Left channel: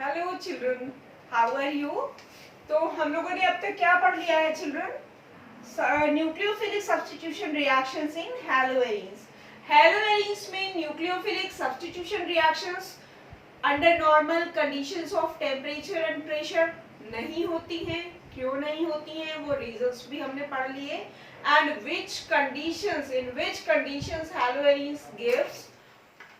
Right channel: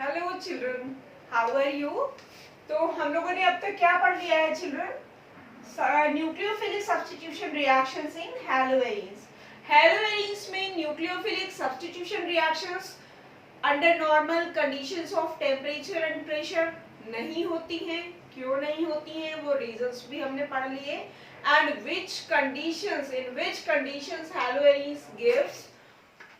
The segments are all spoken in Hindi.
Hello children, how are you. तो हम लोगों ने अब तक क्या पढ़ लिया है children? Nucleophilic substitution reactions in haloarenes. Haloarenes में nucleophilic substitution reactions under normal conditions of temperature and pressure नहीं होती हैं। क्यों नहीं होती हैं वो रीजंस भी हमने पढ़ लिए। And which conditions, in which conditions haloarenes gives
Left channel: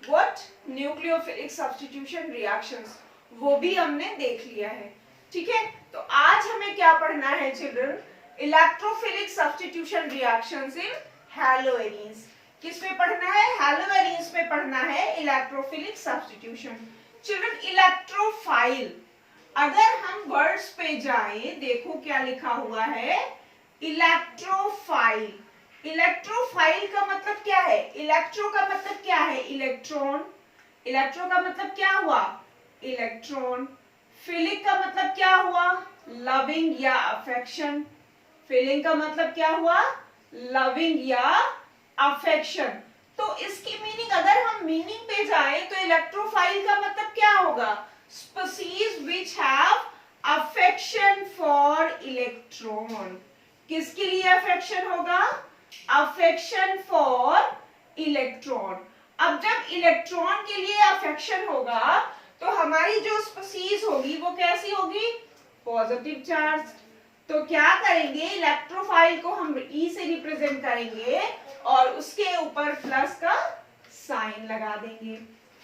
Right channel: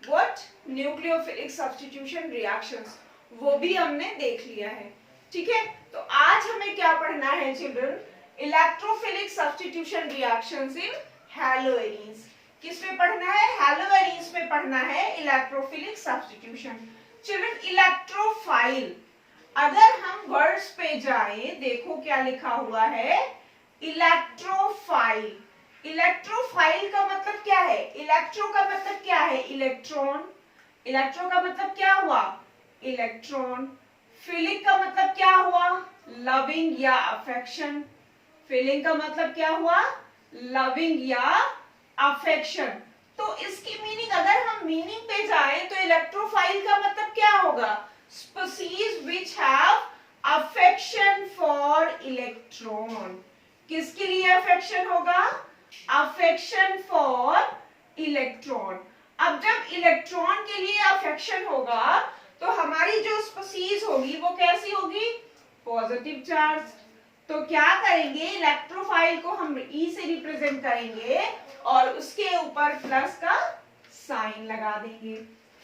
what nucleophilic substitution reactions, वो भी हमने देख लिया है। ठीक है, तो आज हमें क्या पढ़ना है children? Electrophilic substitution reactions in haloarenes. किस में पढ़ना है? हैलोवेरिन्स में पढ़ना है इलेक्ट्रोफिलिक सब्स्टिट्यूशन। चिल्ड्रन इलेक्ट्रोफाइल, अगर हम वर्ड्स पे जाएं, देखो क्या लिखा हुआ है, इलेक्ट्रोफाइल। इलेक्ट्रोफाइल का मतलब क्या है? इलेक्ट्रो का मतलब क्या है? इलेक्ट्रॉन। इलेक्ट्रो का मतलब क्या हुआ? इलेक्ट्रॉन। फीलिंग का मतलब क्या हुआ? लविंग या अफेक्शन। फीलिंग का मतलब क्या हुआ? लविंग या अफेक्शन। तो इसकी मीनिंग, अगर हम मीनिंग पे जाए तो इलेक्ट्रोफाइल का मतलब क्या होगा? Species which have affection for electron. किसके लिए अफेक्शन होगा? Affection for electron. अब जब इलेक्ट्रॉन के लिए अफेक्शन होगा तो हमारी जो स्पीसीज होगी वो कैसी होगी? Positive charge. तो क्या करेंगे, इलेक्ट्रोफाइल को हम ई से रिप्रेजेंट करेंगे और उसके ऊपर प्लस का साइन लगा देंगे।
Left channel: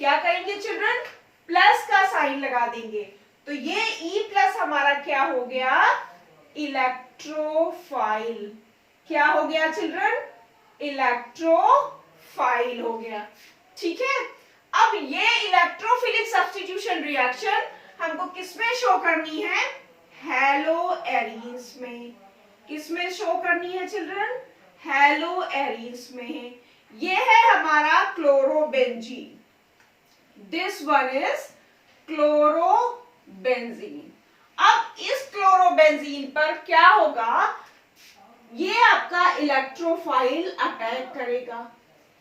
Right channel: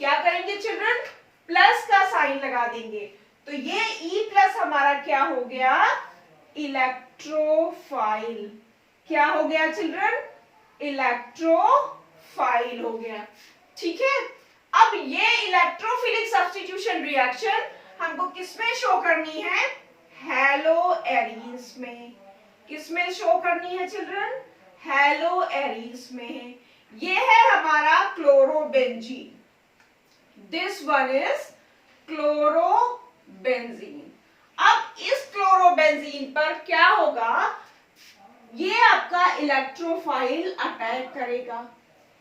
क्या करेंगे चिल्ड्रन? प्लस का साइन लगा देंगे। तो ये ई प्लस हमारा क्या हो गया? इलेक्ट्रोफाइल। क्या हो गया चिल्ड्रन? इलेक्ट्रोफाइल हो गया। ठीक है, अब ये इलेक्ट्रोफिलिक सब्स्टिट्यूशन रिएक्शन हमको किसमें शो करनी है? हैलोएरिन्स में। किसमें शो करनी है चिल्ड्रन? हैलोएरिन्स में है। ये है हमारा chlorobenzene. This one is chlorobenzene. अब इस क्लोरोबेंजीन पर क्या होगा? ये आपका इलेक्ट्रोफाइल अटैक करेगा।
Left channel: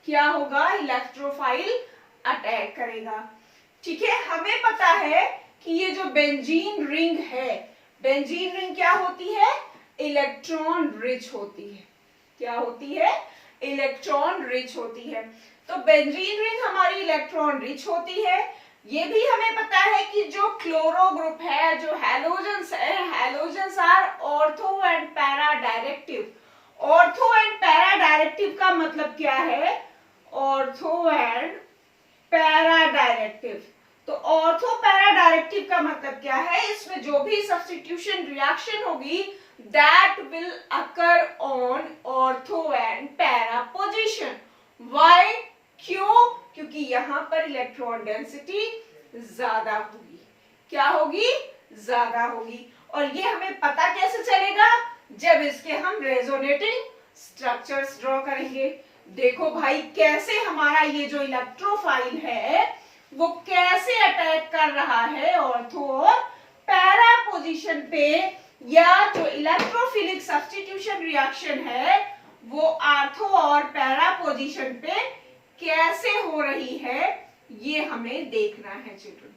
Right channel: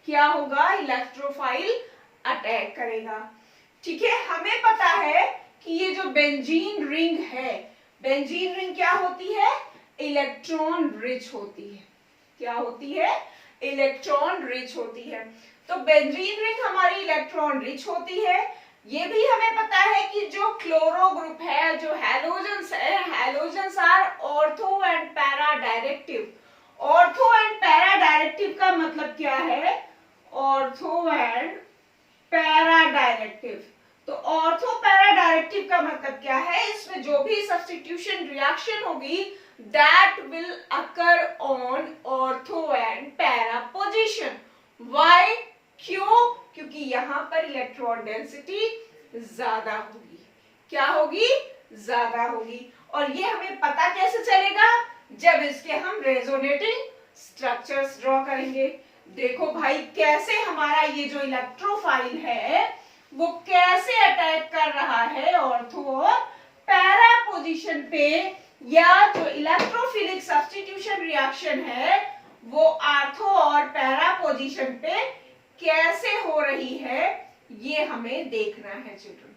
क्या होगा? इलेक्ट्रोफाइल अटैक करेगा। ठीक है, हमें पता है कि ये जो बेंजीन रिंग है, बेंजीन रिंग क्या होती है? इलेक्ट्रॉन रिच होती है। क्या होती है? इलेक्ट्रॉन रिच होती है। तो बेंजीन रिंग हमारी इलेक्ट्रॉन रिच होती है। ये भी हमें पता है कि जो क्लोरो ग्रुप है, जो हैलोजेंस है, halogens are ortho and para directive. Ortho and para directive का मतलब क्या है? Ortho and para directive. तो ऑर्थो पैरा डायरेक्टिव का मतलब क्या है? इसमें जो भी सब्स्टिट्यूशन रिएक्शन होगी that will occur on ortho and para position. Why? क्यों? क्योंकि यहां पर इलेक्ट्रॉन डेंसिटी ज्यादा होगी। क्या होगी? ज्यादा होगी। और ये हमें पता कैसे चलेगा? जब इसके हम रेजोनेटिंग स्ट्रक्चर्स ड्रॉ करेंगे। देखो भाई, कैसे हमारा ये जो इलेक्ट्रोफाइल है वो कैसे अटैक कर रहा है ऑर्थो और पैरा पोजीशन पे, या जो इलेक्ट्रोफिलिक सब्स्टिट्यूशन रिएक्शन है वो आर्थो और पैरा पोजीशन पे कैसे हो रही है, ये हमें देखना है चिल्ड्रन।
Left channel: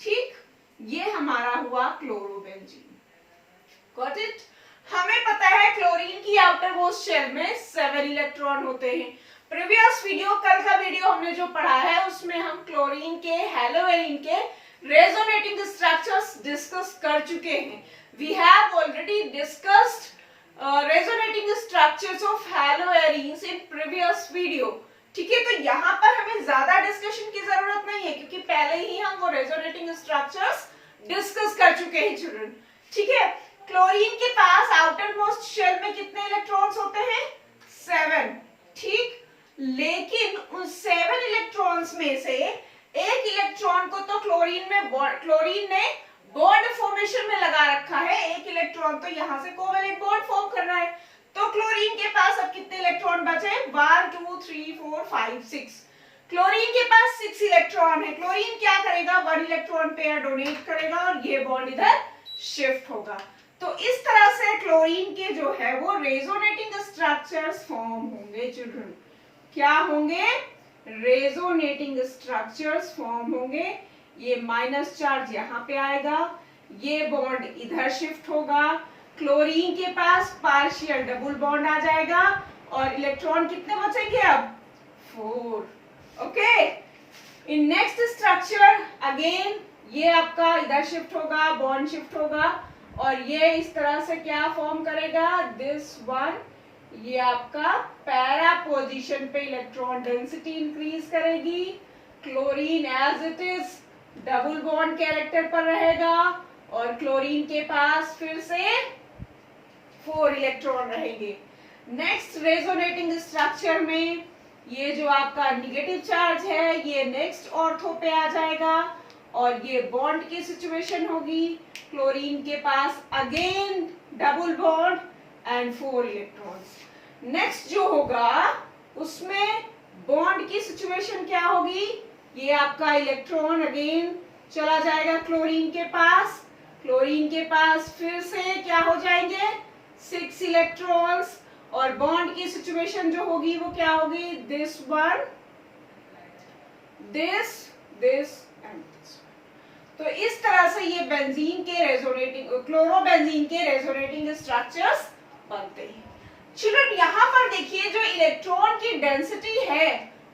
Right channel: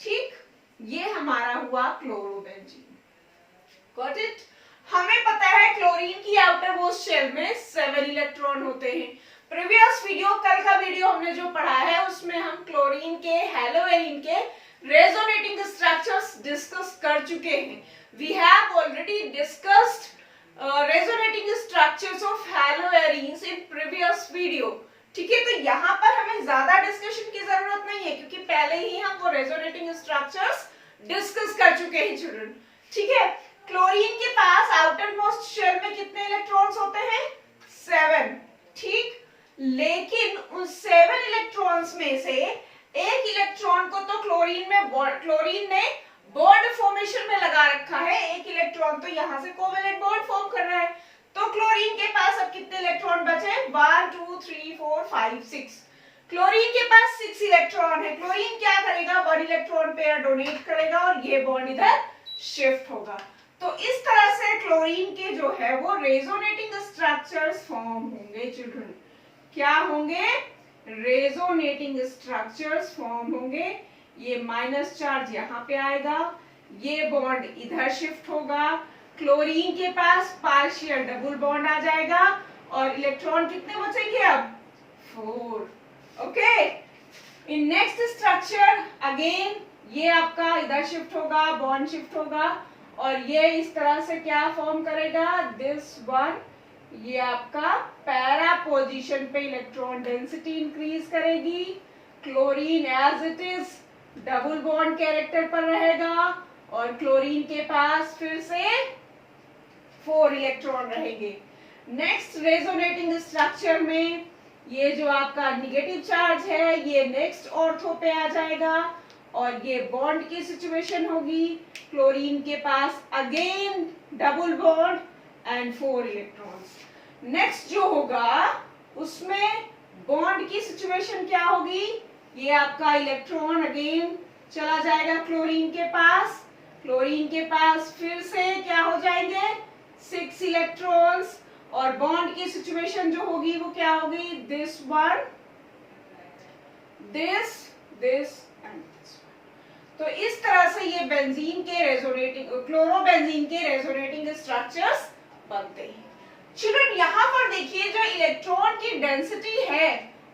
ठीक, ये हमारा हुआ क्लोरोबेंजीन। Got it? हमें पता है क्लोरीन की आउटर मोस्ट शेल में 7 इलेक्ट्रॉन होते हैं। प्रीवियस वीडियो, कल का वीडियो हमने जो पढ़ा है उसमें हम क्लोरीन के, हैलोवेरिन के रेजोनेटिंग स्ट्रक्चर्स डिस्कस कर चुके हैं। We have already discussed resonating structures of haloarenes in previous video. ठीक है, तो यहाँ पर हमें ज्यादा डिस्कशन की जरूरत नहीं है क्योंकि पहले ही हम वो रेजोनेटिंग स्ट्रक्चर्स डिस्कस कर चुके हैं चिल्ड्रन। ठीक है, क्लोरीन के पास आउटर मोस्ट शेल में कितने इलेक्ट्रॉन्स होते हैं? 7। ठीक, लेकिन उन 7 इलेक्ट्रॉन्स में से एक इलेक्ट्रॉन को तो क्लोरीन ने बॉन्ड फॉर्मेशन में लगा रखा है। एक इलेक्ट्रॉन तो यहां से कोवेलेंट बॉन्ड फॉर्म कर रहा है। तो क्लोरीन के पास अब कितने इलेक्ट्रॉन बचे? 1 2 3 4 5 6। क्लोरीन के पास 6 इलेक्ट्रॉन है। क्लोरीन क्या करेगा? 1 इलेक्ट्रॉन पेयर डोनेट करेगा और ये बॉन्ड इधर शिफ्ट होगा। तो इस तरह से क्लोरीन के जो है वो रेजोनेटिंग स्ट्रक्चर्स फॉर्म होंगे चिल्ड्रन। क्या होंगे? रेजोनेटिंग स्ट्रक्चर्स फॉर्म होंगे। ये माइनस चार्ज यहाँ पे आएगा, ये बॉन्ड इधर शिफ्ट होगा, क्लोरीन के पास पार्शियल डबल बॉन्ड आ जाएगा और इलेक्ट्रॉन कितने बचेंगे अब 4। Okay, in next structure again ये आपका इधर शिफ्ट होगा, बॉन्ड शिफ्ट होगा और ये इस तरह से क्या फॉर्म करेगा, दिस वन, ये आपका पैरा पोजीशन पे इलेक्ट्रॉन डेंसिटी इंक्रीज करेगी, chlorine as it is double bond character पर रहेगा और क्लोरीन के पास फिर से 4 इलेक्ट्रॉन रहेंगे। नेक्स्ट रेजोनेटिंग स्ट्रक्चर में ये जो आपका निगेटिव चार्ज है ये नेक्स्ट ऑर्थो पे आ जाएगा और ये बॉन्ड की सिचुएशन होगी, क्लोरीन के पास again double bond and 4 electrons. Next जो होगा उसमें बॉन्ड की सिचुएशन क्या होगी, ये आपका इलेक्ट्रॉन अगेन चला जाएगा क्लोरीन के पास, क्लोरीन के पास फिर से क्या हो जाएंगे 6 इलेक्ट्रॉन्स और बॉन्ड की सिचुएशन जो होगी वो क्या होगी, this one, this and this. तो इस तरह से ये बेंजीन के रेजोनेटिंग, क्लोरोबेंजीन के रेजोनेटिंग स्ट्रक्चर्स बनते हैं। चिल्ड्रन यहाँ पर देखिए जो इलेक्ट्रॉन की डेंसिटी है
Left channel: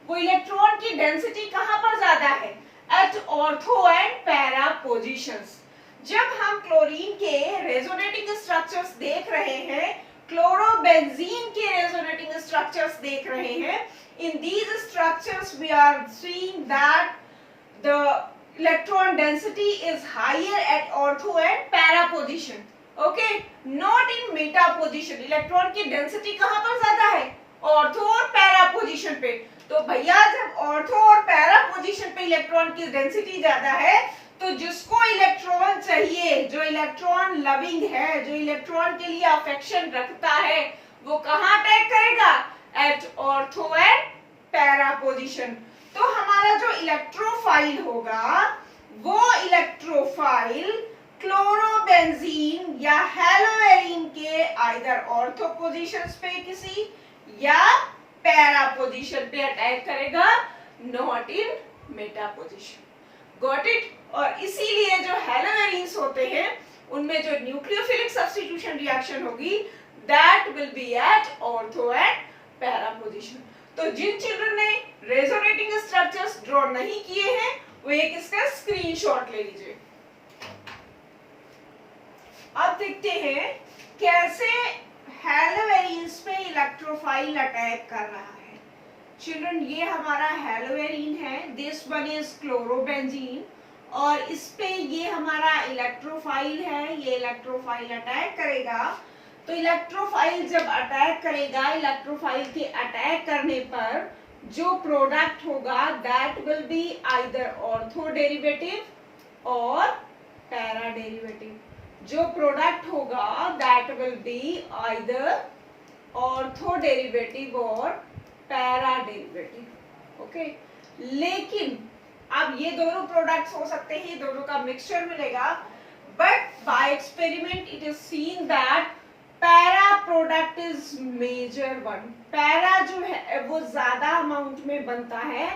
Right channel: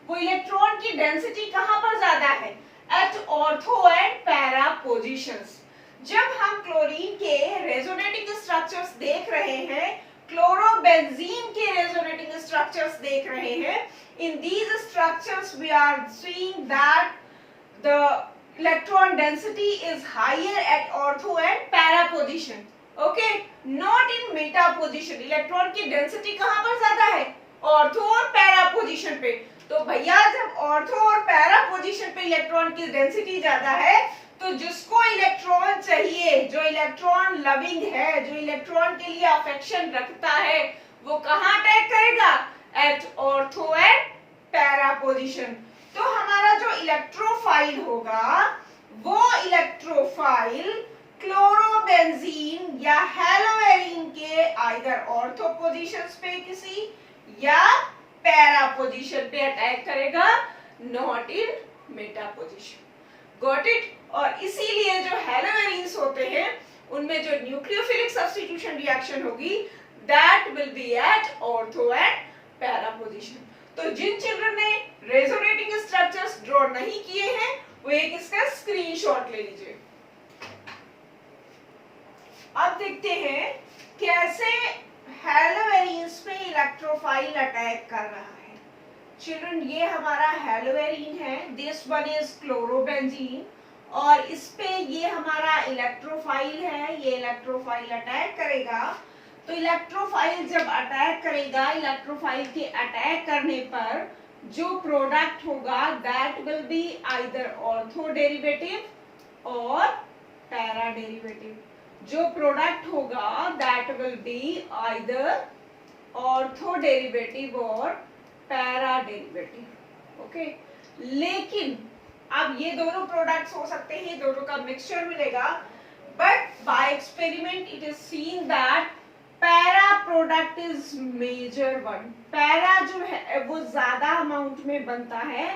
वो इलेक्ट्रॉन की डेंसिटी कहाँ पर ज्यादा है, at ortho and para positions. जब हम क्लोरीन के रेजोनेटिंग स्ट्रक्चर्स देख रहे हैं, क्लोरोबेंजीन के रेजोनेटिंग स्ट्रक्चर्स देख रहे हैं, in these structures we are seeing that the electron density is higher at ortho and para position, okay, not in meta position। Electron की डेंसिटी कहां पर ज्यादा है, ऑर्थो और पैरा पोजीशन पे। तो भैया जब ऑर्थो और पैरा पोजीशन पे इलेक्ट्रॉन की डेंसिटी ज्यादा है तो जिसको इलेक्ट्रॉन चाहिए, जो इलेक्ट्रॉन लविंग है, जो इलेक्ट्रॉन के लिए अफेक्शन रखता है, वो कहां अटैक करेगा, at ortho and para position. तो हमारा जो इलेक्ट्रोफाइल होगा वो इलेक्ट्रोफाइल क्लोरोबेंजीन या हेलोएरीन के आइदर ऑर्थो पोजीशंस पे किसी या पैरा पोजीशन पे अटैक करेगा, not in meta position. Got it. और इसीलिए जो हेलोएरीन्स होते हैं उनमें जो न्यूक्लियोफिलिक सब्स्टिट्यूशन रिएक्शन होगी that will be at ortho and para position. तो जिन चिल्ड्रन ने रेजोनेटिंग स्ट्रक्चर्स ड्रॉ नहीं किए हैं वो एक इसका स्क्रीनशॉट ले लीजिए। अब देखते हैं कैसे हेलोएरीन्स पे इलेक्ट्रोफाइल अटैक कर रहा है। चिल्ड्रन ये हमारा हेलोएरीन है, दिस वन इज क्लोरोबेंजीन और इस पे ये हमारा इलेक्ट्रोफाइल है, ये इलेक्ट्रोफाइल अटैक करेगा। तो इलेक्ट्रोफाइल जब अटैक करेगा, इलेक्ट्रोफाइल के अटैक करने पर जो प्रोडक्ट होगा that will be either ortho derivative और पैरा डेरिवेटिव। जो प्रोडक्ट होगा that will be either ortho derivative और पैरा डेरिवेटिव। ओके, लेकिन अब ये दोनों प्रोडक्ट्स हो सकते हैं, दोनों का मिक्सचर मिलेगा, but by experiment it is seen that para product is major one. Para जो है वो ज्यादा अमाउंट में बनता है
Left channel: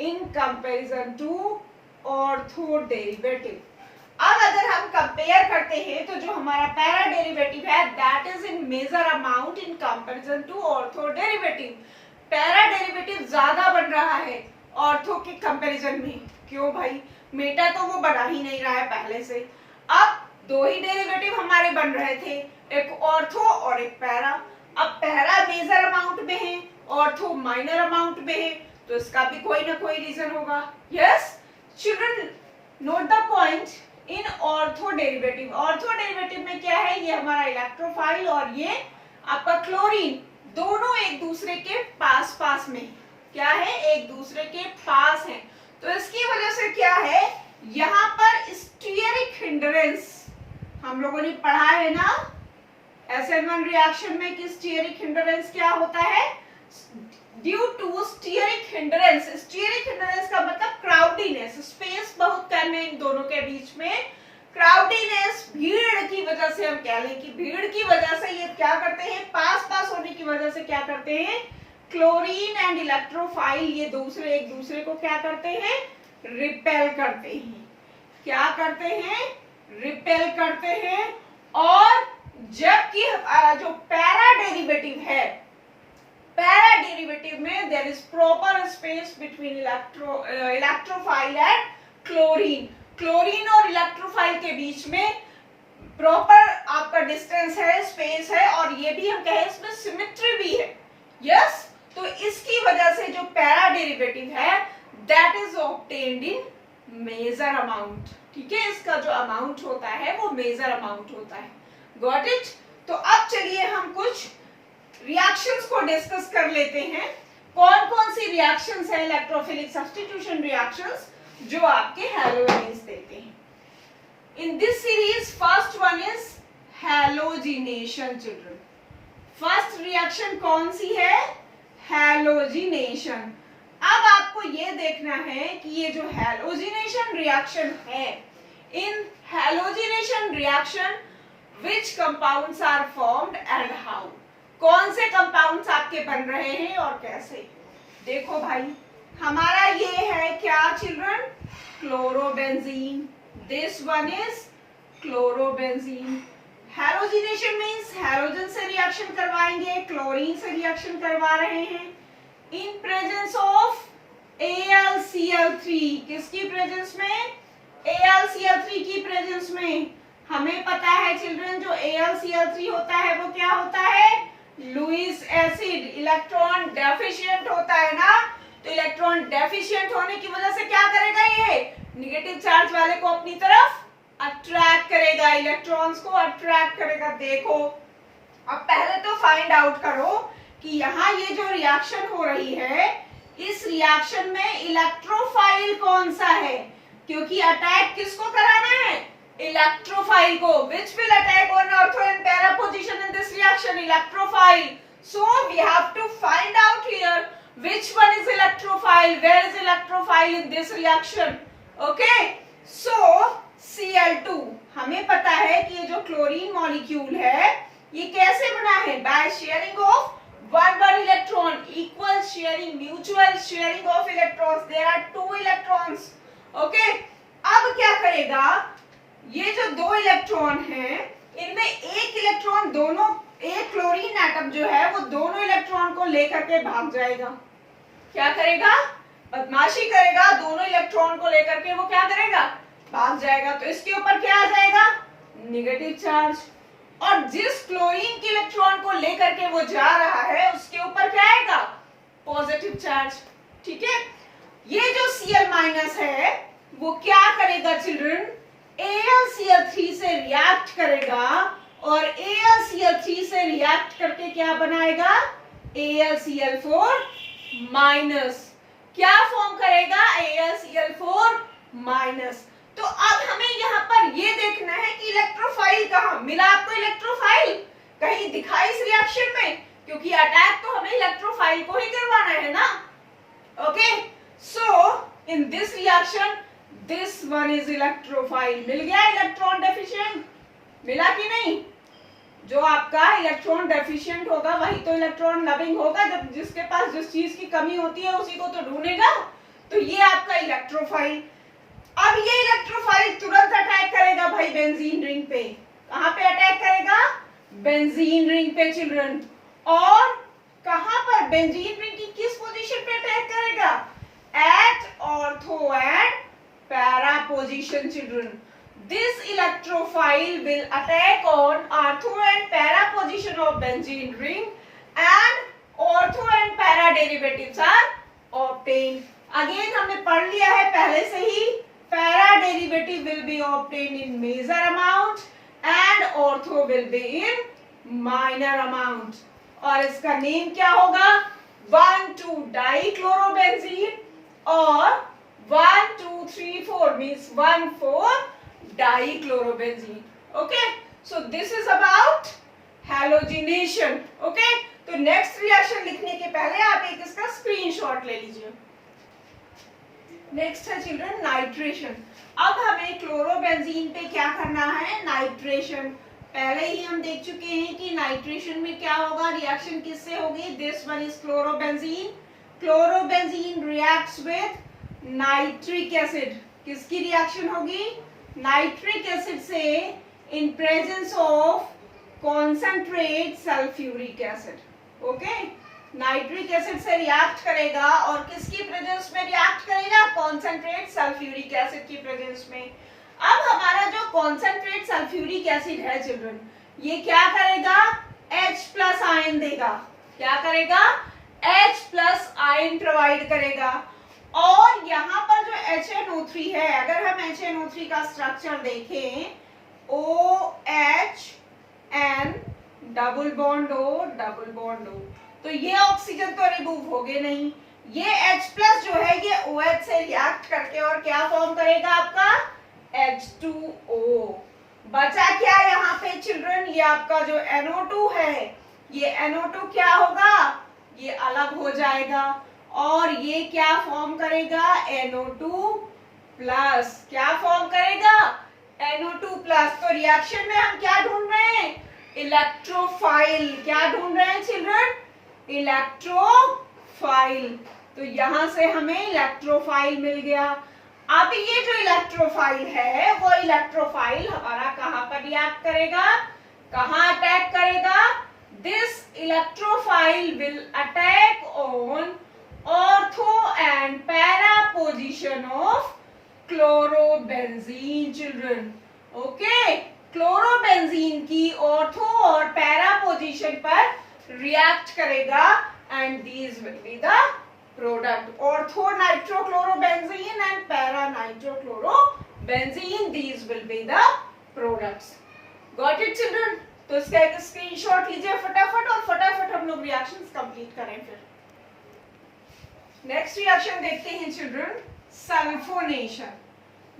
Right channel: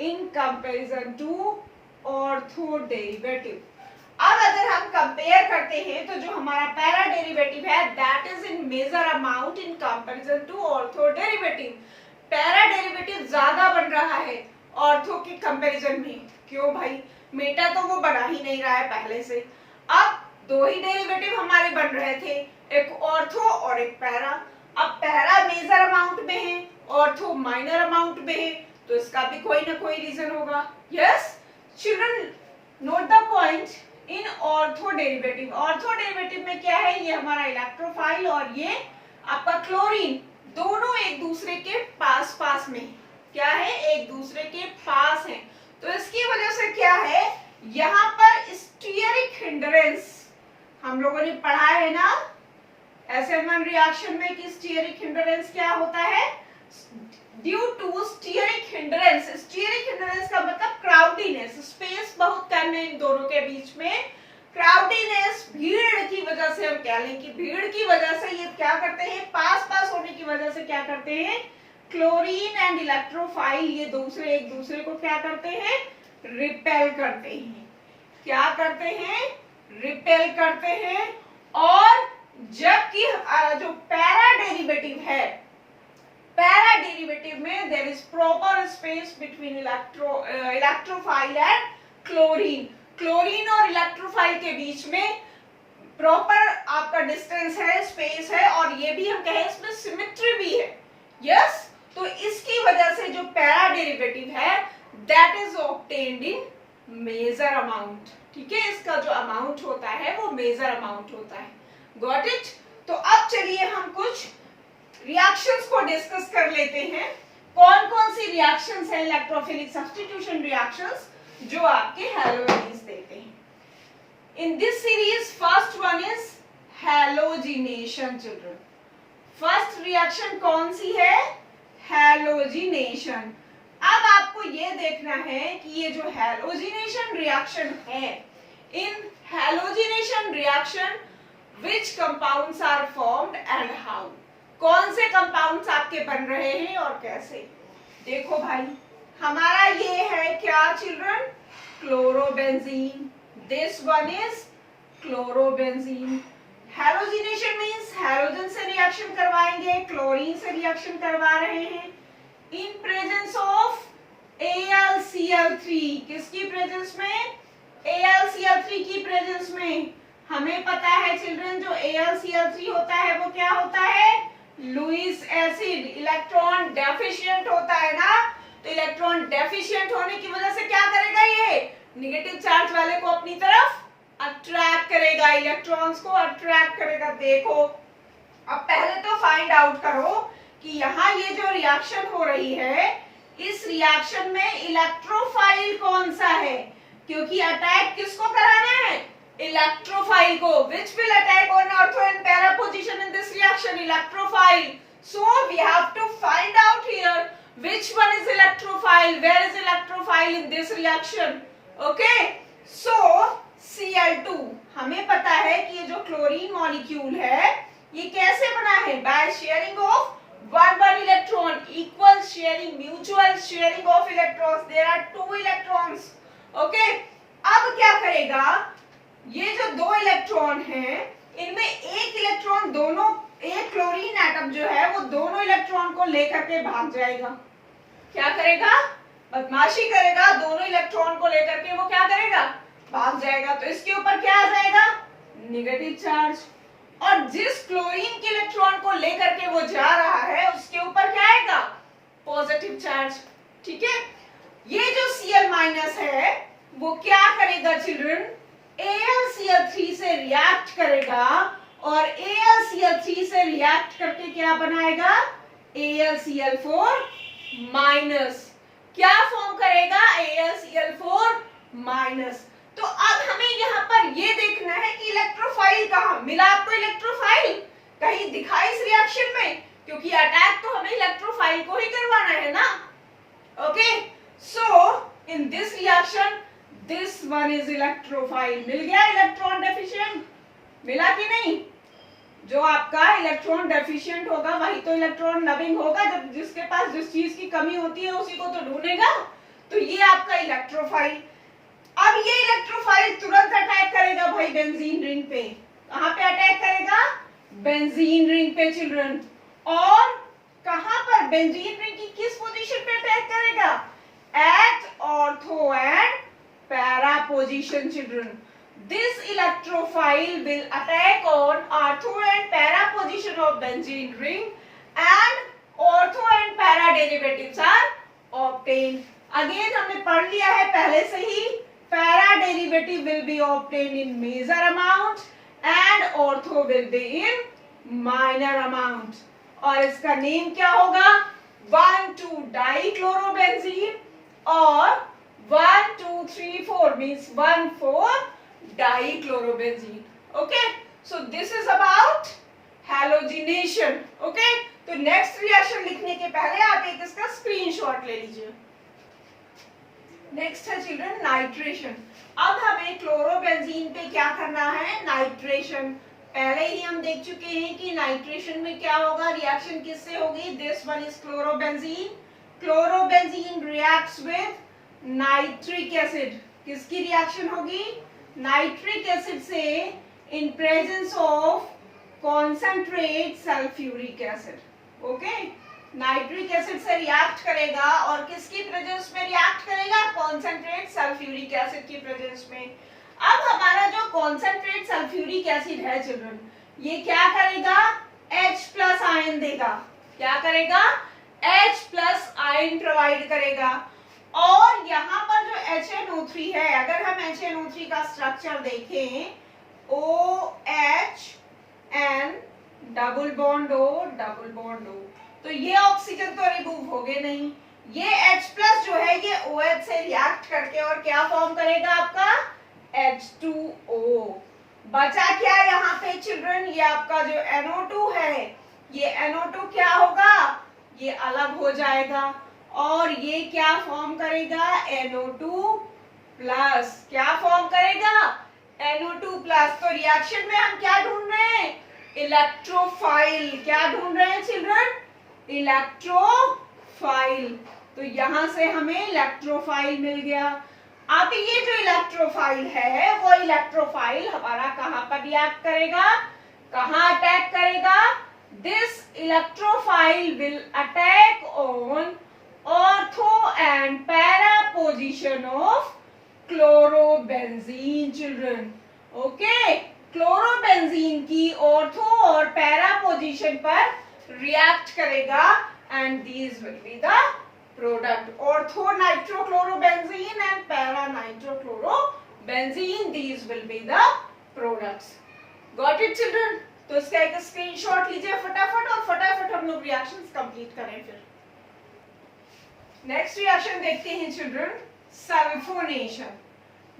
in comparison to ortho derivative. अब अगर हम कंपेयर करते हैं तो जो हमारा पैरा डेरिवेटिव है that is in major amount in comparison to ortho derivative. Para derivative ज्यादा बन रहा है ऑर्थो के कंपैरिजन में। क्यों भाई, मेटा तो वो बना ही नहीं रहा है पहले से। अब दो ही डेरिवेटिव हमारे बन रहे थे, एक ऑर्थो और एक पैरा। अब पैरा मेजर अमाउंट में है, ऑर्थो माइनर अमाउंट में है, तो इसका भी कोई ना कोई रीजन होगा। Yes children, note the point in ortho derivative. Ortho derivative में क्या है, ये हमारा इलेक्ट्रोफाइल और ये आपका क्लोरीन दोनों एक दूसरे के पास पास में क्या है, एक दूसरे के पास है। तो इसकी वजह से क्या है, यहाँ पर स्टीयरिक हिंड्रेंस हम लोगों ने पढ़ा है ना SN1 रिएक्शन में कि स्टीयरिक हिंड्रेंस क्या होता है, due to steric hindrance. Steric hindrance का मतलब क्राउडीनेस, स्पेस बहुत कम है इन दोनों के बीच में। क्राउडीनेस, भीड़ की वजह से हम कह लें कि भीड़ की वजह से ये क्या करते हैं, पास पास होने की वजह से क्या करते हैं, क्लोरीन एंड इलेक्ट्रोफाइल ये दूसरे एक दूसरे को क्या करते हैं, रिपेल करते हैं। क्या करते हैं, रिपेल करते हैं। और जबकि हमारा जो पैरा डेरिवेटिव है, पैरा डेरिवेटिव में there is proper space between electrophile and chlorine. Chlorine और इलेक्ट्रोफाइल के बीच में प्रॉपर आपका डिस्टेंस है, स्पेस है, और ये भी हम कहें इसमें सिमेट्री भी है। यस, तो इसकी वजह से जो पैरा डेरिवेटिव है that is obtained in major amount. ठीक है, इसका जो अमाउंट होता है वो मेजर अमाउंट होता है। Got it? तो अब चलिए हम कुछ रिएक्शंस को डिस्कस कर लेते हैं। कौन कौन सी रिएक्शंस हैं इलेक्ट्रोफिलिक सब्स्टिट्यूशन रिएक्शंस जो आपके हैलोजेन्स देते हैं। In this series, first one is halogenation, children. First reaction कौन सी है? Halogenation. अब आपको ये देखना है कि ये जो halogenation reaction है, in halogenation reaction, which compounds are formed and how? कौन से compounds आपके बन रहे हैं और कैसे? देखो भाई, हमारा ये है क्या children? Chlorobenzene. This one is chlorobenzene. Halogenation means halogen से रिएक्शन करवाएंगे, क्लोरीन से रिएक्शन करवा रहे हैं in presence of AlCl3। किसकी प्रेजेंस में? AlCl3 की प्रेजेंस में। हमें पता है चिल्ड्रन जो AlCl3 होता है वो क्या होता है? Lewis acid. इलेक्ट्रॉन डेफिशिएंट होता है ना, तो इलेक्ट्रॉन डेफिशिएंट होने की वजह से क्या करेगा, ये नेगेटिव चार्ज वाले को अपनी तरफ अट्रैक्ट करेगा, इलेक्ट्रॉन्स को अट्रैक्ट करेगा। देखो, अब पहले तो फाइंड आउट करो कि यहाँ ये जो रिएक्शन हो रही है, इस रिएक्शन में इलेक्ट्रोफाइल कौन सा है, क्योंकि अटैक किसको कराना है? इलेक्ट्रोफाइल को। Which will attack on ortho and para position in this reaction? Electrophile. So we have to find out here which one is electrophile, where is electrophile in this reaction? Okay, so Cl2, हमें पता है कि ये जो क्लोरीन मॉलिक्यूल है ये कैसे बना है? By sharing of one electron, equal sharing, mutual sharing of electrons. There are 2 electrons. Okay, अब क्या करेगा, ये जो 2 इलेक्ट्रॉन हैं इनमें एक इलेक्ट्रॉन, दोनों, एक क्लोरीन एटम जो है वो दोनों इलेक्ट्रॉन को लेकर के भाग जाएगा। क्या करेगा? बदमाशी करेगा, दोनों इलेक्ट्रॉन को लेकर के वो क्या करेगा? भाग जाएगा। तो इसके ऊपर क्या आ जाएगा? Negative charge. और जिस क्लोरीन के इलेक्ट्रॉन को लेकर के वो जा रहा है उसके ऊपर क्या आएगा? Positive charge. ठीक है, ये जो Cl माइनस है वो क्या करेगा चिल्ड्रन? AlCl3 से रिएक्ट करेगा, और AlCl3 से रिएक्ट करके क्या बनाएगा? AlCl4 minus. क्या फॉर्म करेगा? AlCl4 minus. तो अब हमें यहाँ पर ये देखना है कि इलेक्ट्रोफाइल कहाँ मिला आपको? इलेक्ट्रोफाइल कहीं दिखा इस रिएक्शन में? क्योंकि अटैक तो हमें इलेक्ट्रोफाइल को ही करवाना है ना। Okay, so in this reaction this one is electrophile. मिल गया इलेक्ट्रॉन डेफिशिएंट? मिला कि नहीं? जो आपका इलेक्ट्रॉन डेफिशिएंट होगा वही तो इलेक्ट्रॉन लविंग होगा। जब जिसके पास जिस चीज की कमी होती है उसी को तो ढूंढेगा। तो ये आपका इलेक्ट्रोफाइल। अब ये इलेक्ट्रोफाइल तुरंत अटैक करेगा भाई बेंजीन रिंग पे। कहां पे अटैक करेगा? बेंजीन रिंग पे चिल्ड्रन। और कहां पर? बेंजीन रिंग की किस पोजीशन पे अटैक करेगा? At ortho and para position children. This electrophile will attack on ortho and para position of benzene ring, and ortho and para derivatives are obtained. Again हमने पढ़ लिया है पहले से ही, para derivative will be obtained in major amount and ortho will be in minor amount. और इसका नेम क्या होगा? 1,2-dichlorobenzene और 1,2,3,4 means 1,4-dichlorobenzene. Okay, so this is about halogenation. Okay, तो नेक्स्ट रिएक्शन लिखने के पहले आप एक इसका स्क्रीनशॉट ले लीजिए। नेक्स्ट है चिल्ड्रन नाइट्रेशन। अब हमें क्लोरोबेंजीन पे क्या करना है? नाइट्रेशन। पहले ही हम देख चुके हैं कि नाइट्रेशन में क्या होगा, रिएक्शन किससे होगी? This one is chlorobenzene. Chlorobenzene reacts with nitric acid. किसकी रिएक्शन होगी? नाइट्रिक एसिड से इन presence of concentrate sulphuric acid. Okay, nitric acid से रिएक्ट करेगा और किसकी प्रेजेंस में रिएक्ट करेगा? कॉन्सेंट्रेट सल्फ्यूरिक एसिड की प्रेजेंस में. अब हमारा जो कॉन्सेंट्रेट सल्फ्यूरिक एसिड है चिल्ड्रन, ये क्या करेगा? H प्लस आयन देगा. क्या करेगा? H प्लस आयन प्रोवाइड करेगा. और यहाँ पर जो HNO3 है, अगर हम HNO3 का स्ट्रक्चर देखें, OH N double bond O double bond O, तो ये ऑक्सीजन तो रिमूव हो गए नहीं. ये H प्लस जो है ये OH से रिएक्ट करके और क्या फॉर्म करेगा? आपका H2O. बचा क्या यहाँ पे चिल्ड्रन? ये आपका जो NO2 है, ये NO2 क्या होगा? ये अलग हो जाएगा और ये क्या फॉर्म करेगा? NO2 plus. क्या फॉर्म करेगा? NO2 plus. तो रिएक्शन में हम क्या ढूंढ रहे हैं? इलेक्ट्रोफाइल. क्या ढूंढ रहे हैं चिल्ड्रन? इलेक्ट्रोफाइल. तो यहां से हमें इलेक्ट्रोफाइल मिल गया. अब ये जो इलेक्ट्रोफाइल है, वो इलेक्ट्रोफाइल हमारा कहां पर रिएक्ट करेगा? कहां अटैक करेगा? This electrophile will attack on ortho and para position of chlorobenzene children. Okay, chlorobenzene की ऑर्थो और पैरा पोजीशन पर रिएक्ट करेगा and these will be the product. Ortho nitrochlorobenzene and para nitrochlorobenzene, these will be the products. Got it children? तो इसका एक स्क्रीनशॉट लीजिए फटाफट और फटाफट हम लोग रिएक्शंस कंप्लीट करें. फिर नेक्स्ट रिएक्शन देखते हैं चिल्ड्रन, सल्फोनेशन.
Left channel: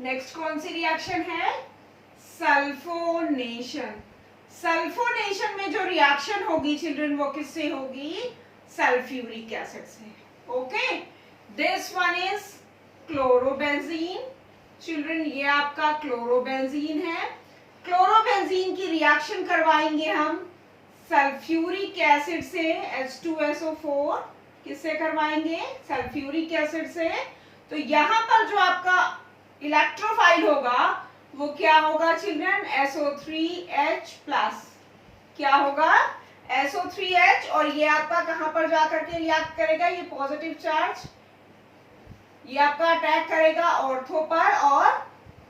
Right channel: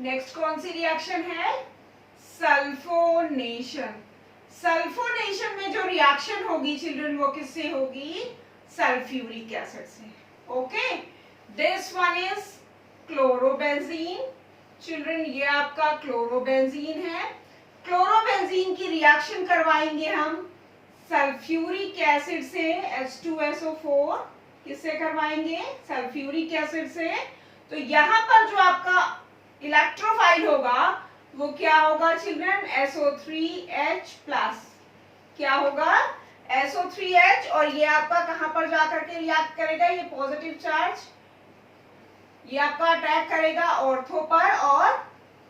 नेक्स्ट कौन सी रिएक्शन है? सल्फोनेशन. सल्फोनेशन में जो रिएक्शन होगी चिल्ड्रन, वो किससे होगी? सल्फ्यूरिक एसिड से. Okay, this one is chlorobenzene. Children, ये आपका क्लोरोबेंजीन है. क्लोरोबेंजीन की रिएक्शन करवाएंगे हम सल्फ्यूरिक एसिड से, H2SO4. किससे करवाएंगे? सल्फ्यूरिक एसिड से. तो यहाँ पर जो आपका इलेक्ट्रोफाइल होगा वो क्या होगा चिल्ड्रन? SO3H plus. क्या होगा? SO3H. और ये आपका कहां पर जाकर के रिएक्ट करेगा? ये पॉजिटिव चार्ज ये आपका अटैक करेगा ऑर्थो पर और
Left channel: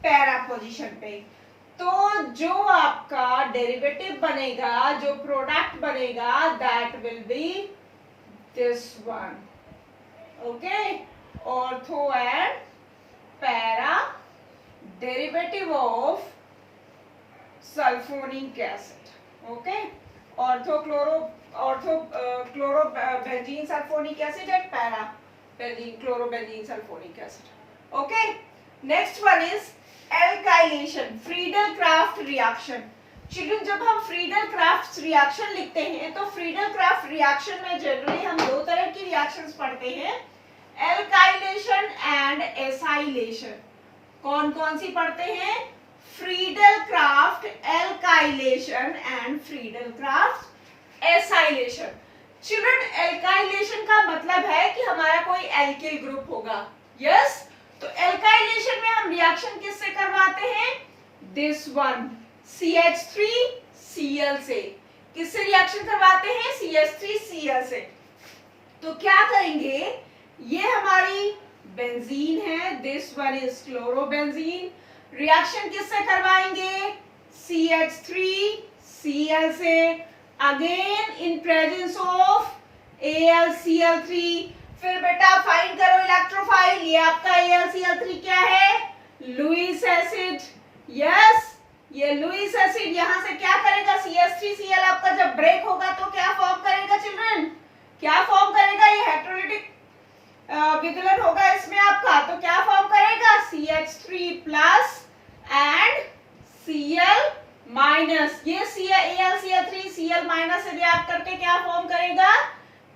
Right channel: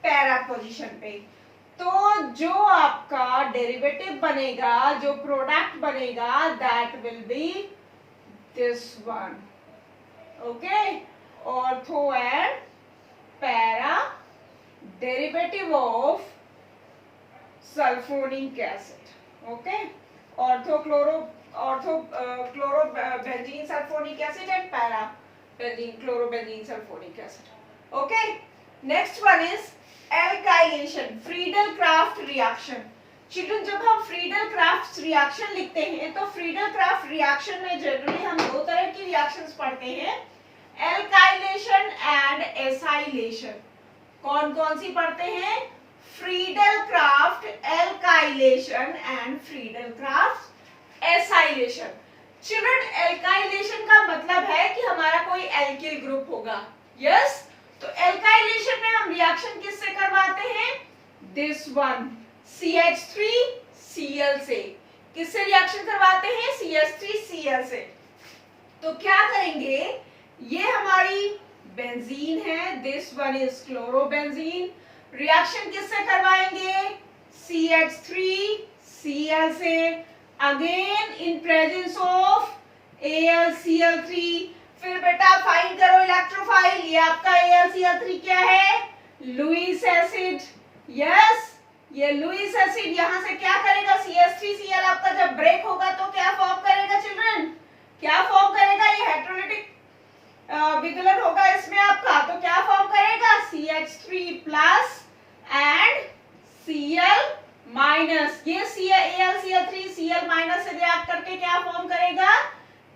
पैरा पोजीशन पे. तो जो आपका डेरिवेटिव बनेगा, जो प्रोडक्ट बनेगा, that will B this one. Okay, ortho and para derivative of sulphonic acid. Okay, chlorobenzene sulphonic acid and para chlorobenzene sulphonic acid. Okay, next one is alkylation, Friedel craft reaction. Children, जब हम फ्रीडल क्राफ्ट रिएक्शन लिखते हैं तो फ्रीडल क्राफ्ट रिएक्शन में जनरली हम दो तरह की रिएक्शंस पढ़ते हैं, एल्काइलेशन एंड एसाइलेशन. कौन कौन सी पढ़ते हैं? Friedel craft alkylation and Friedel Crafts acylation. Children, alkylation का मतलब है कि हमारा कोई एल्किल ग्रुप होगा. यस, तो एल्काइलेशन में हम रिएक्शन किससे करवाते हैं? दिस वन, CH3Cl से. किससे रिएक्शन करवाते हैं? CH3Cl से. तो क्या करेंगे? ये हमारी बेंजीन है, this one is chlorobenzene. Reaction किससे करवाएंगे? CH3Cl से. Again in presence of AlCl3. फिर बेटा फाइंड करो इलेक्ट्रोफाइल. ये आपका AlCl3 क्या है? Lewis acid. यस, ये लुईस एसिड यहां से क्या करेगा? CH3Cl आपका जब ब्रेक होगा तो क्या फॉर्म करेगा चिल्ड्रन? क्या फॉर्म करेगा? ये हेटेरोलिटिक विदलन होगा इसमें आपका. तो क्या फॉर्म करेगा? CH3 plus and Cl minus. ये AlCl3 Cl माइनस से रिएक्ट करके क्या फॉर्म करेगा?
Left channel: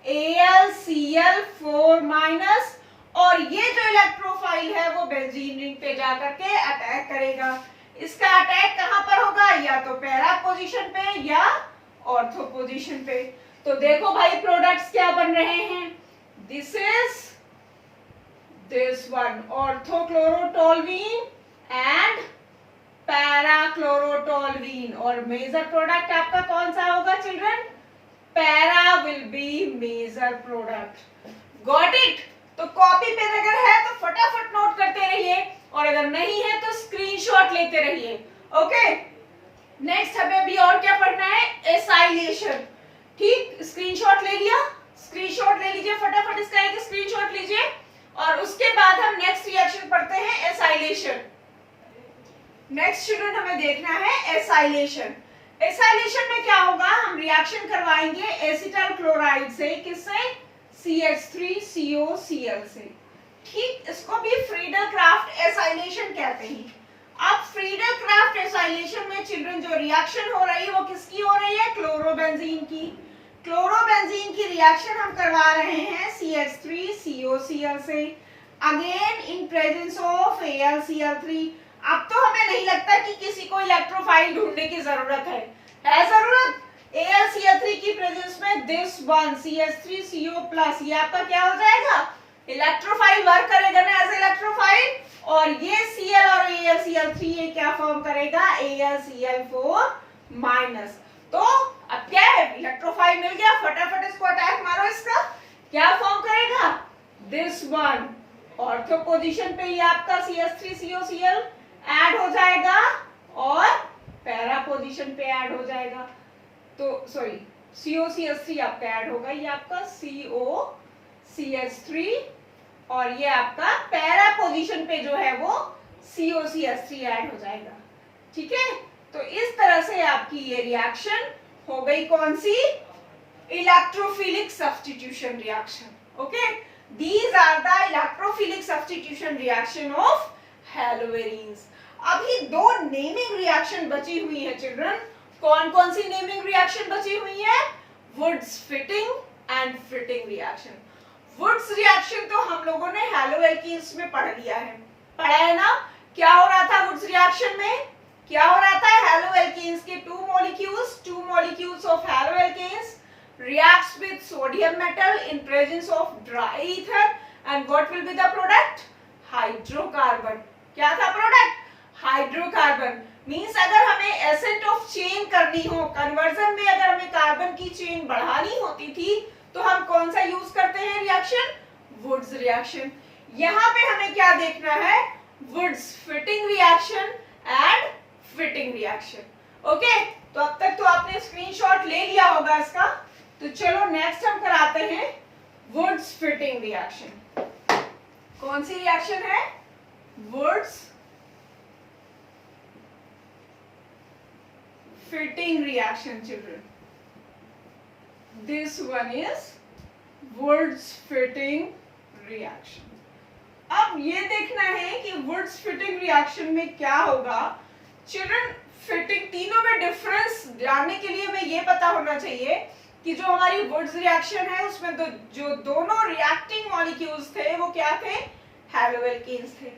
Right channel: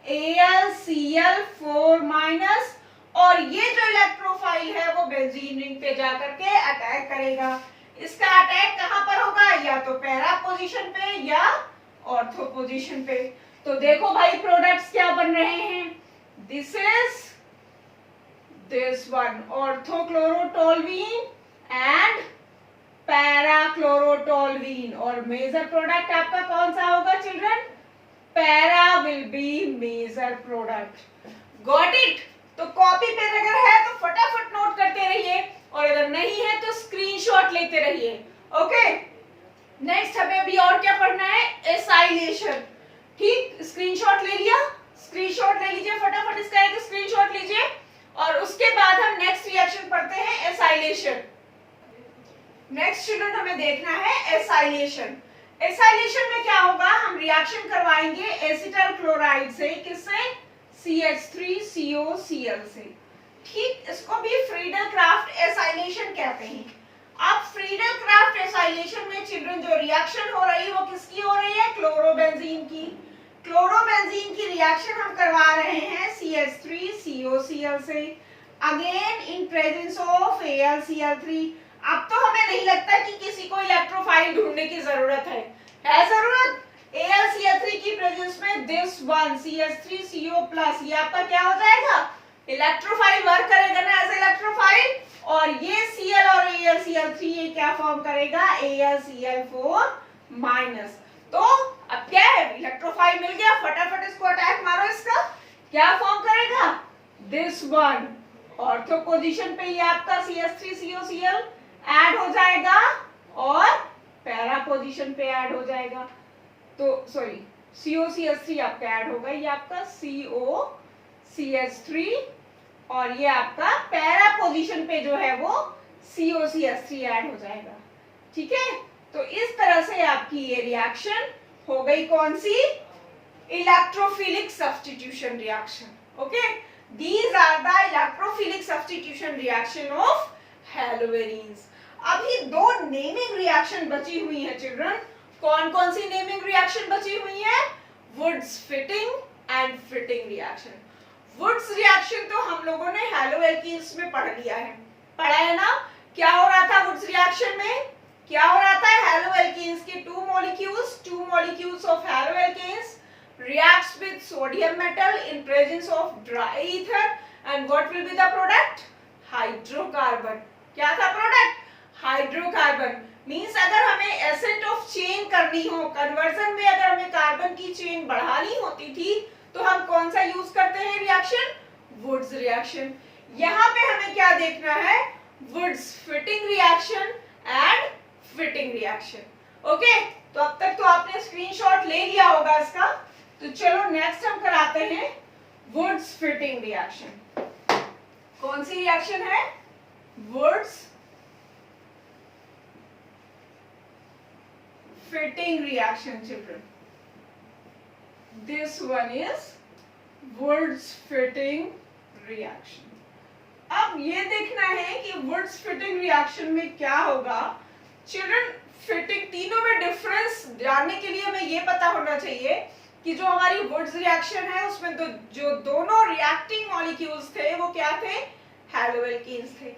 AlCl4 minus. और ये जो इलेक्ट्रोफाइल है वो बेंजीन रिंग पे जाकर के अटैक करेगा. इसका अटैक कहां पर होगा? या तो पैरा पोजीशन पे या ऑर्थो पोजीशन पे. तो देखो भाई प्रोडक्ट्स क्या बन रहे हैं. This is this one, orthochlorotoluene and toluene, और मेजर प्रोडक्ट आपका कौन सा होगा children? Para will be major product. Got it? तो कॉपी पेन अगर है तो फटाफट नोट करते रहिए, और अगर नहीं है तो स्क्रीनशॉट लेते रहिए। ओके, नेक्स्ट हमें अभी और क्या पढ़ना है? एसाइलेशन। ठीक, स्क्रीनशॉट ले लिया? स्क्रीनशॉट ले लीजिए फटाफट, इसका एक स्क्रीनशॉट लीजिए, और उसके बाद हम नेक्स्ट रिएक्शन पढ़ते हैं, एसाइलेशन। नेक्स्ट स्टूडेंट हमें देखना है एसाइलेशन। एसाइलेशन में क्या होगा? हम रिएक्शन करवाएंगे एसिटल क्लोराइड से, किससे? CH3COCl से। ठीक, इसको भी फ्रीडल क्राफ्ट एसाइलेशन कहते हैं। अब फ्रीडल क्राफ्ट एसाइलेशन में चिल्ड्रन जो रिएक्शन हो रही है वो किसकी हो रही है? क्लोरोबेंजीन की। क्लोरोबेंजीन की रिएक्शन हम करवा रहे हैं CH3COCl से, again in presence of AlCl3। अब तो हमें नहीं लगता कि किसी को इलेक्ट्रोफाइल ढूंढने की जरूरत है जरूरत? AlCl3 की प्रेजेंस में दिस वन CH3CO+, ये आपका क्या हो जाएगा? इलेक्ट्रोफाइल वर्क करेगा ना एज इलेक्ट्रोफाइल, और ये Cl और AlCl3 ये क्या फॉर्म करेगा? AlCl4-। तो अब क्या है? इलेक्ट्रोफाइल मिल गया, फटाफट इसको अटैक मारो। इसका क्या फॉर्म करेगा? This one. ऑर्थो पोजीशन पे ये आपका CH3COCl ऐड हो जाएगा, और पैरा पोजीशन पे ऐड हो जाएगा। तो सॉरी, COCH3 आपका ऐड होगा, ये आपका COCH3, और ये आपका पैरा पोजीशन पे जो है वो COCH3 ऐड हो जाएगा। ठीक है, तो इस तरह से आपकी ये रिएक्शन हो गई कौन सी? Electrophilic substitution reaction. Okay, these are the electrophilic substitution reaction of haloarenes. अभी दो नेमिंग रिएक्शन बची हुई है चिल्ड्रन। कौन कौन सी नेमिंग रिएक्शन बची हुई है? Wurtz Fittig and Fittig reaction. Wurtz reaction तो हम लोगों ने हैलोएल्कीन्स में पढ़ लिया है, पढ़ा है ना? क्या हो रहा था वुड्स रिएक्शन में? क्या हो रहा था? हैलोएल्कीन्स के two molecules of haloalkanes reacts with sodium metal in presence of dry ether, and what will be the product? Hydrocarbon। क्या था प्रोडक्ट? हाइड्रोकार्बन। मीन्स अगर हमें एसेट ऑफ चेन करनी हो, कन्वर्जन में अगर हमें कार्बन की चेन बढ़ानी होती थी, तो हम कौन सा यूज करते हैं रिएक्शन? Wurtz reaction. यहाँ पे हमें क्या देखना है? Wurtz Fittig reaction and Fittig reaction. Okay, तो अब तक तो आपने स्क्रीनशॉट ले लिया होगा इसका। तो चलो नेक्स्ट हम कराते हैं वुड्स फिटिंग रिएक्शन। कौन सी रिएक्शन है? Wurtz Fittig reaction children. This one is Wurtz Fittig reaction. अब ये देखना है कि वुड्स फिटिंग रिएक्शन में क्या होगा चिल्ड्रन। फिटिंग, तीनों में डिफरेंस जानने के लिए हमें ये पता होना चाहिए कि जो हमारी वुड्स रिएक्शन है उसमें तो जो दोनों रिएक्टिंग मॉलिक्यूल्स थे वो क्या थे? हैलोएल्कीन्स थे।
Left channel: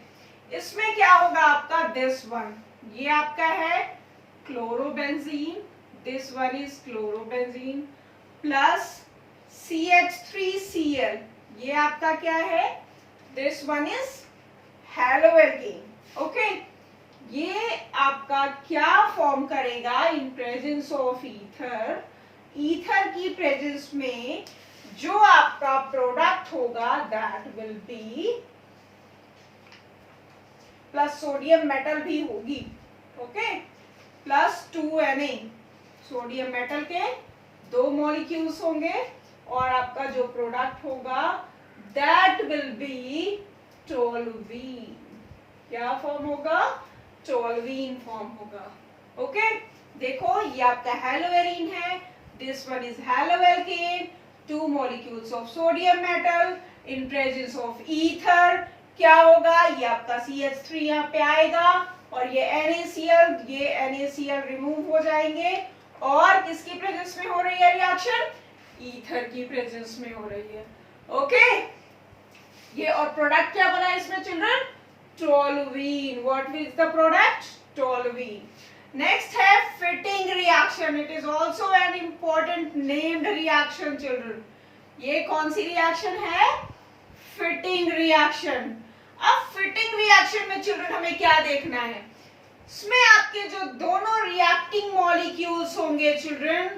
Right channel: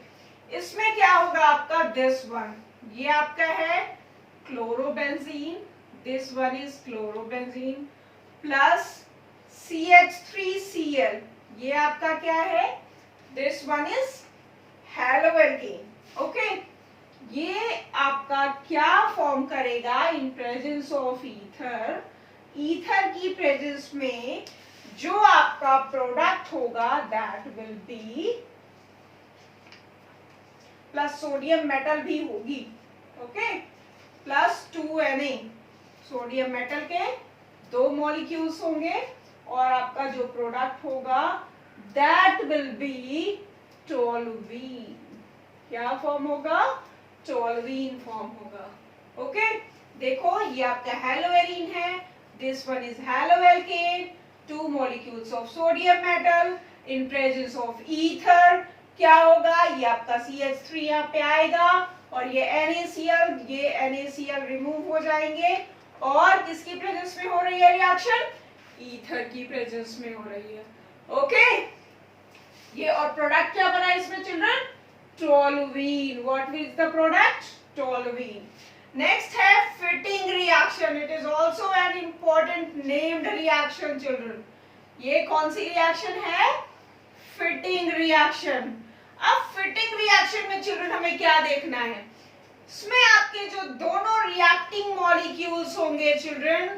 इसमें क्या होगा आपका? दिस वन, ये आपका है chlorobenzene, this one is chlorobenzene, plus CH3Cl, ये आपका क्या है? This one is haloalkane. Okay, ये आपका क्या फॉर्म करेगा? In presence of ether, ether की प्रेजेंस में जो आपका प्रोडक्ट होगा that will be, plus sodium metal भी होगी। Okay, plus 2Na, sodium metal के दो मॉलिक्यूल्स होंगे, और आपका जो प्रोडक्ट होगा दैट विल बी टोल्यूइन। क्या फॉर्म होगा? टोल्यूइन फॉर्म होगा। ओके, देखो ये आपका हैलोवेरिन है, this one is haloalkane, to molecules of sodium metal in presence of ether. क्या होगा? ये आपका CH3 यहाँ पे आएगा, और ये NaCl, ये NaCl रिमूव हो जाएंगे, और किसकी प्रेजेंस में हो रही है रिएक्शन? ईथर की प्रेजेंस में हो रही है। ओके, ये और प्रोडक्ट क्या बना इसमें children? Toluene. What is the product? Toluene. Next है Fittig reaction. It is also an important named reaction children. ये कौन सी रिएक्शन है? Fittig reaction. अब फिटिंग रिएक्शन में चिल्ड्रन हमें क्या देखना है? इसमें आपके जो दोनों रिएक्टिंग मॉलिक्यूल्स होंगे children,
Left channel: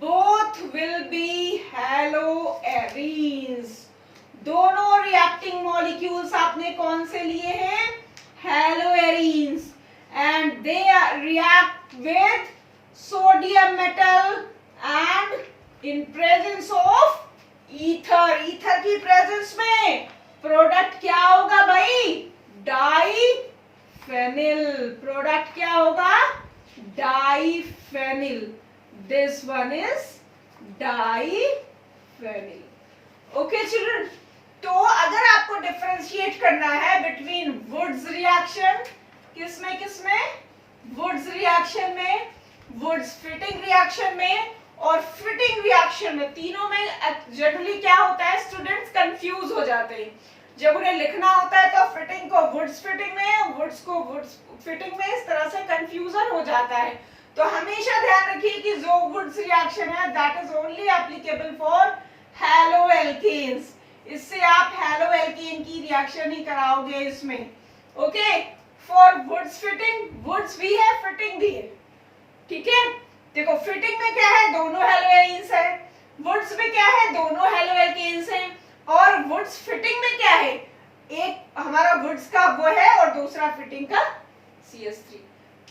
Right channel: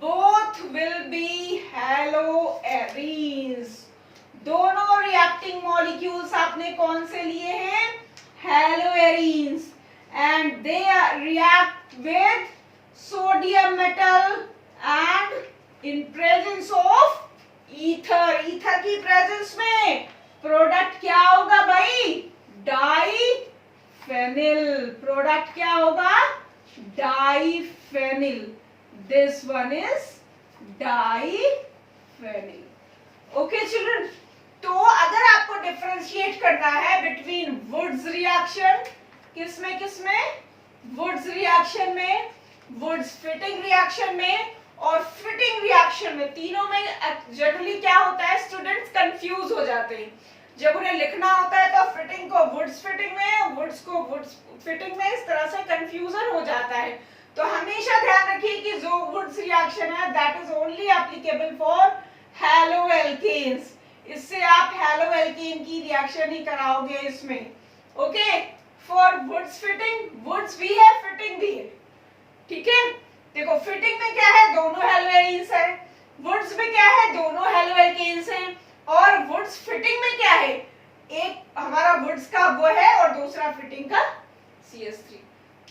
both will be haloarenes. दोनों रिएक्टिंग मॉलिक्यूल्स आपने कौन से लिए हैं? Haloarenes, and they react with sodium metal and in presence of ether. Ether की प्रेजेंस में प्रोडक्ट क्या होगा भाई? डाईफेनिल। प्रोडक्ट क्या होगा? Diphenyl. This one is diphenyl. Okay children, तो अगर आपको डिफरेंशिएट करना है बिटवीन वुड्स रिएक्शन, किसमें किसमें? वुड्स रिएक्शन में, वुड्स फिटिंग रिएक्शन में और फिटिंग रिएक्शन में, तीनों में जनरली क्या होता है, स्टूडेंट्स कंफ्यूज हो जाते हैं। जब उन्हें लिखना होता है तो फिटिंग को वुड्स फिटिंग में, वुड्स को वुड्स फिटिंग में, इस तरह से कंफ्यूजन हो जाता है। तो हमेशा ध्यान रखिए कि जो वुड्स रिएक्शन है that is only applicable for haloalkanes. इससे आप हैलोएल्केन की रिएक्शन ही कराओगे इसमें। Okay, for Wurtz Fittig, Wurtz भी है फिटिंग भी है, ठीक है। देखो फिटिंग में क्या है? दोनों हैलोएरीन्स है। वुड्स में क्या है? दोनों हैलोएल्केन्स हैं। और वुड्स फिटिंग में क्या है? एक हमारा वुड्स का वो है और दूसरा फिटिंग का CH3।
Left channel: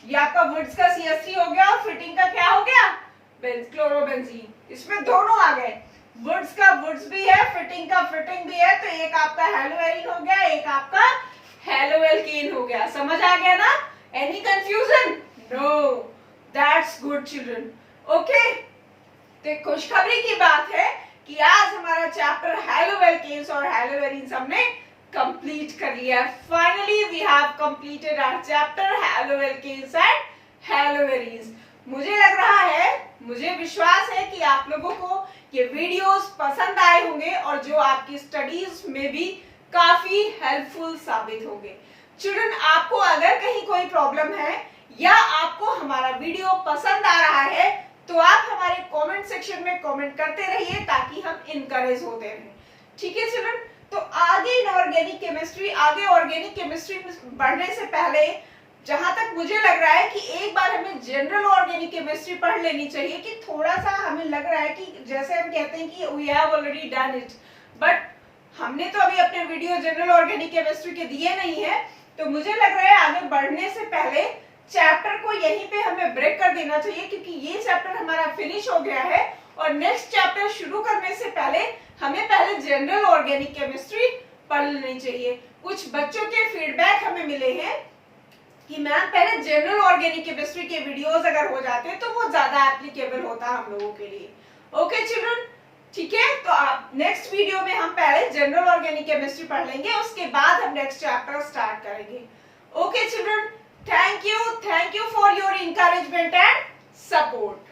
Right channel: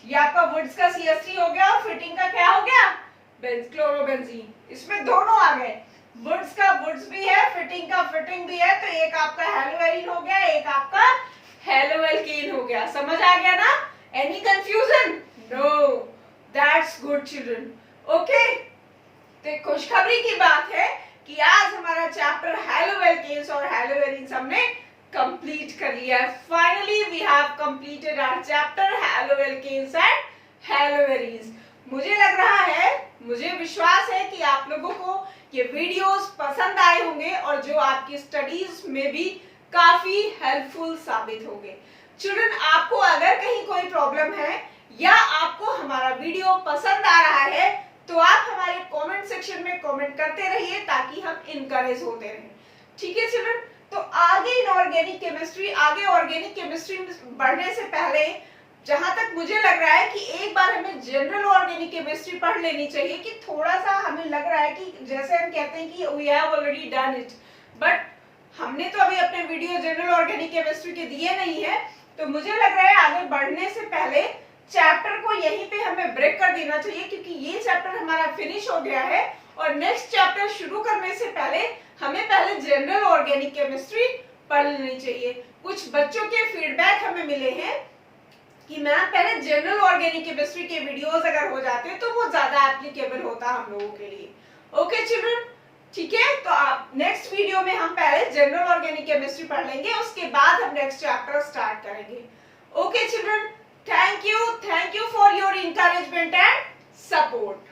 ये आपका वुड्स का CH3 हो गया और फिटिंग का क्या हो गया? क्लोरोबेंजीन। इसमें दोनों आ गए, वुड्स का वुड्स भी है, फिटिंग का फिटिंग भी है। तो एक आपका हैलोएरीन हो गया, एक आपका हैलोएल्केन हो गया। समझ आ गया ना? Any confusion? No, that's good children. Okay, तो खुशखबरी की बात है कि आज हमारा चैप्टर हैलोएल्केन्स और हैलोएरीन्स हमने कंप्लीट कर लिया है। Finally we have completed our chapter haloalkanes and haloarenes. मुझे लग रहा है, मुझे विश्वास है कि आप लोगों को ये वीडियोस पसंद आए होंगे और जो आपकी स्टडीज में भी काफी हेल्पफुल साबित होंगे। चिल्ड्रन, आपको अगर कहीं कोई प्रॉब्लम है या आपको हमारा वीडियो पसंद आ रहा है तो आप हमारे कमेंट सेक्शन में कमेंट करते रहिए ताकि हम इनकरेज होते रहें, ठीक है चिल्ड्रन। तो आगे इनऑर्गेनिक केमिस्ट्री, आगे ऑर्गेनिक केमिस्ट्री बढ़ने से पहले जहां तक मुझे लग रहा है कि एक बार हमें जनरल ऑर्गेनिक केमिस्ट्री पढ़ लेनी चाहिए, कि थोड़ा सा हमें लग रहा है कि जैसे हम कहते हैं कि we have already done it, but हमने तो अभी अपने वीडियो जनरल ऑर्गेनिक केमिस्ट्री के दिए नहीं है। तो मुझे लग रहा है आगे बढ़ने से पहले चैप्टर को यहीं पे हमें ब्रेक कर देना चाहिए, क्योंकि ये चैप्टर हमारा फिनिश हो गया है और नेक्स्ट चैप्टर शुरू करने से पहले हमें पहले जनरल ऑर्गेनिक केमिस्ट्री पढ़ लेनी चाहिए। कुछ बच्चों के फीडबैक हमें मिले हैं कि मैम पहले जनरल ऑर्गेनिक केमिस्ट्री के वीडियोस अगर हो जाते तो वो ज्यादा एप्लीकेबल होता हम लोगों के लिए। ओके चिल्ड्रन, ठीक है। तो आप नेक्स्ट वीडियो में हम पहले जनरल ऑर्गेनिक केमिस्ट्री पढ़ लेंगे, उसके बाद हम नेक्स्ट चैप्टर स्टार्ट करेंगे। Okay children, thank you for your encouragement and support.